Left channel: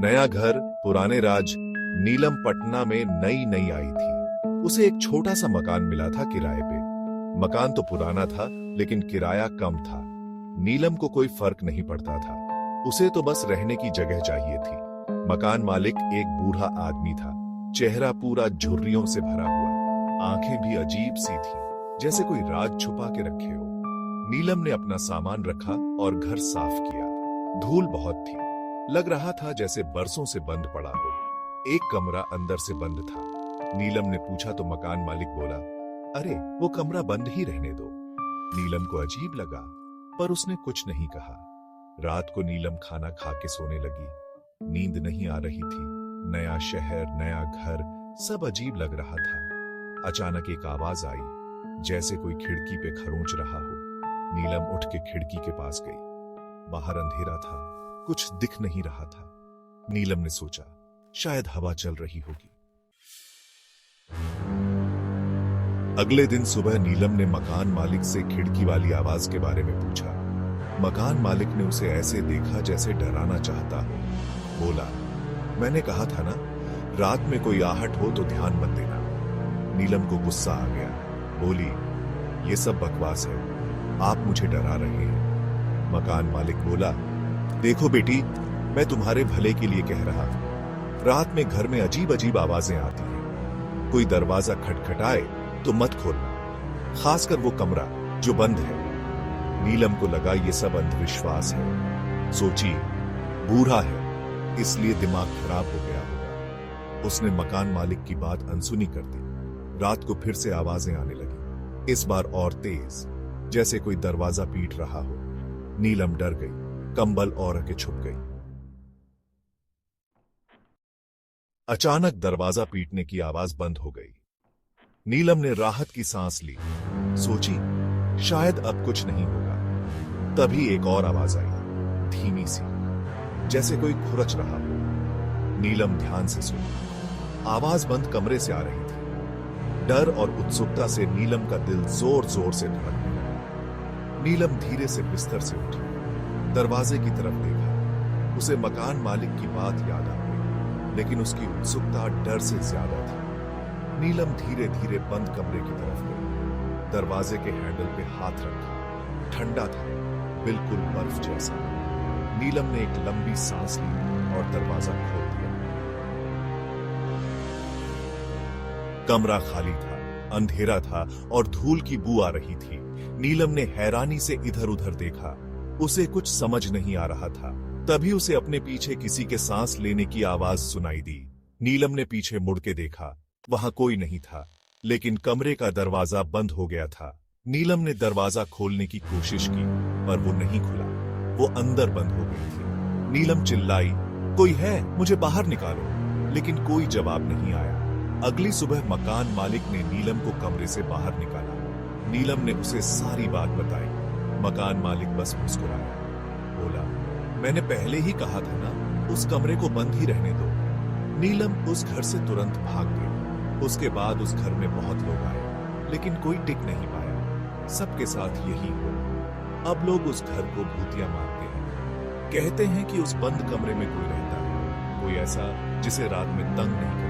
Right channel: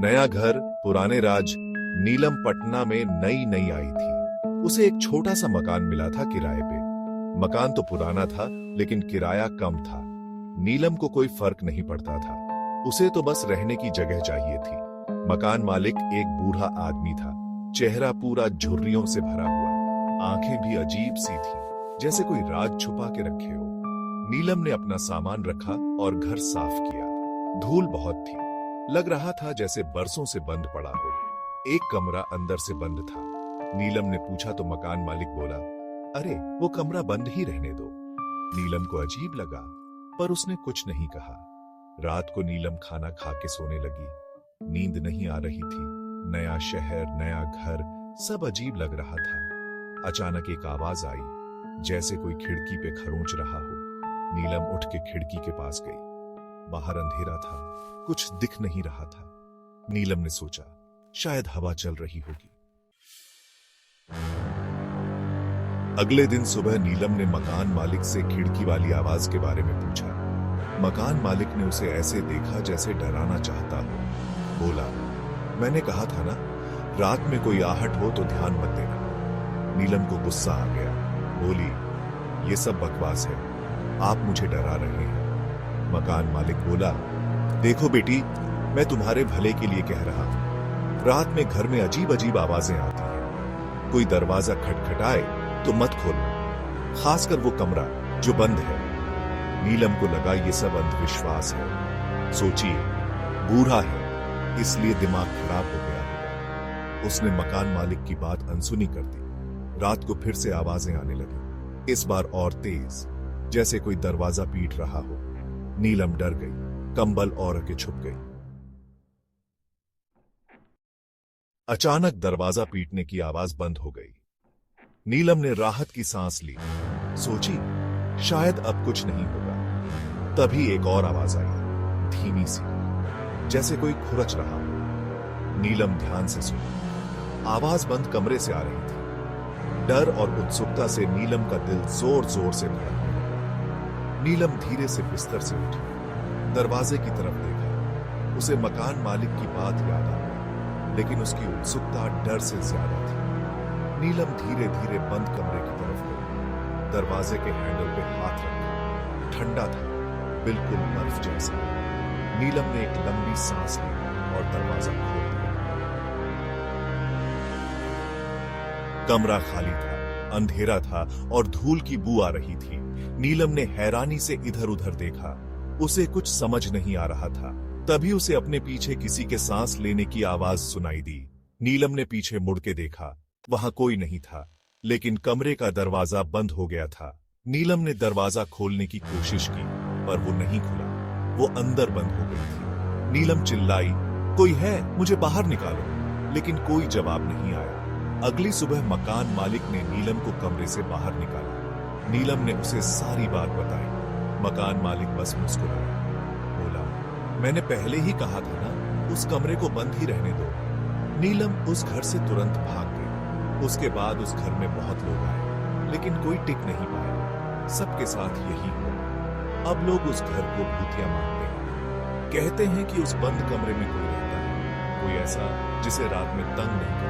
नया घर पुराने राज। नीलम पटना में नई नई आई थी। उसे एक छोटा सा मकान मिला था किराए पे। मकान तो पुराना था लेकिन किराया कम था। नीलम को कोई फर्क नहीं पड़ता था, उसे तो बस रहने की जगह चाहिए थी। मकान मालिक एक बूढ़ा आदमी था, चेहरा पूरा झुर्रियों से भरा हुआ, आंखें भी अजीब सी थी, जैसे कोई राज छुपा के रखे हो। नीलम ने अपना सामान रखा और घर साफ किया। धूल बहुत थी, लग रहा था जैसे बरसों से बंद पड़ा हो। एक कमरा अंदर से बंद था। नीलम ने पूछा तो मकान मालिक बोला, अरे वो कमरा बंद ही रहने दो। नीलम को अजीब लगा पर उसने कुछ नहीं कहा। रात को नीलम खाना खा के सोने लगी। नींद नहीं आ रही थी। नया शहर, नया घर, सब अजीब लग रहा था। अचानक एक आवाज आई, जैसे कोई खिड़की पे खरोंच रहा हो। नीलम उठ के खिड़की के पास गई। बाहर अंधेरा था, कुछ दिख नहीं रहा था। नीलम ने सोचा शायद हवा चल रही होगी। अगले दिन सुबह नीलम ने मकान मालिक से खिड़की वाली आवाज के बारे में पूछा। मकान मालिक ने उसे ऐसे देखा जैसे डराना चाहता हो। बोला, मैंने कहा था ना, रात में कोई आहट हो तो ध्यान मत देना। नीलम को गुस्सा आ गया। बोली, ये सब बकवास है, आप मुझे डरा रहे हैं। मकान मालिक बोला, देखो बेटी, मैं तुम्हारे भले के लिए कह रहा हूं। रात में घर में अजीब अजीब आवाजें आती हैं। कोई दरवाजा खटखटाए तो मत खोलना, खासकर वो कमरा जो बंद है। नीलम को लगा ये सब अंधविश्वास है। सोची, बूढ़ा है इसलिए दिमाग खराब हो गया होगा। उसने मकान मालिक की बात अनसुनी कर दी। रात को फिर से आवाजें आने लगी, इस बार और तेज, जैसे कोई दरवाजा पीट रहा हो। नीलम डर गई, कंबल ओढ़ के छुप गई। अचानक दरवाजा पीटने की आवाज बंद हो गई। नीलम ने राहत की सांस ली। सोची शायद अब कुछ नहीं होगा। तभी एक और आवाज आई, धीमी सी, जैसे कोई खुरच रहा हो। नीलम ध्यान से सुनी। आवाज बंद कमरे से आ रही थी। डर और उत्सुकता से नीलम का दिल जोर जोर से धड़कने लगा। नीलम धीरे से बिस्तर से उठी, दरवाजे की तरफ देखा। उसे मकान मालिक की बात याद आ गई, लेकिन उसकी उत्सुकता डर से ज्यादा थी। नीलम धीरे धीरे बंद कमरे की तरफ गई। दरवाजे के हैंडल पे हाथ रखा। ठंडा था, बिल्कुल बर्फ जैसा। नीलम ने एक लंबी सांस ली और दरवाजा खोल दिया। कमरा खाली था, अंधेरा था और धूल की बू आ रही थी। नीलम ने हैरानी से इधर उधर देखा। उसे कुछ समझ नहीं आ रहा था। तभी उसे अपने पीछे किसी के सांस लेने की आवाज सुनाई दी। नीलम ने पीछे मुड़ के देखा, वहां कोई नहीं था, लेकिन कमरे का दरवाजा बंद हो गया था। नीलम ने दरवाजा खोलने की कोशिश की, पर वो नहीं खुला। वो अंदर बंद हो गई थी। नीलम चिल्लाई, कोई है, मुझे बाहर निकालो, लेकिन कोई जवाब नहीं आया। अगली सुबह मकान मालिक ने नीलम को कमरे से बाहर निकाला। नीलम ने उसे सारी बात बताई। मकान मालिक बस मुस्कुराया। बोला, मैंने पहले ही कहा था ना, उस कमरे को बंद ही रहने दो। नीलम उस घर से तुरंत भाग गई। उसके बाद उस घर में बहुत लोग आए, लेकिन कोई टिक नहीं पाया। सबके साथ यही हुआ। अब लोग उस घर को भूतिया मानते हैं। कहते हैं कि उस बंद कमरे में कोई रहता है, कोई ऐसा जिसे रात में तंग नहीं करता।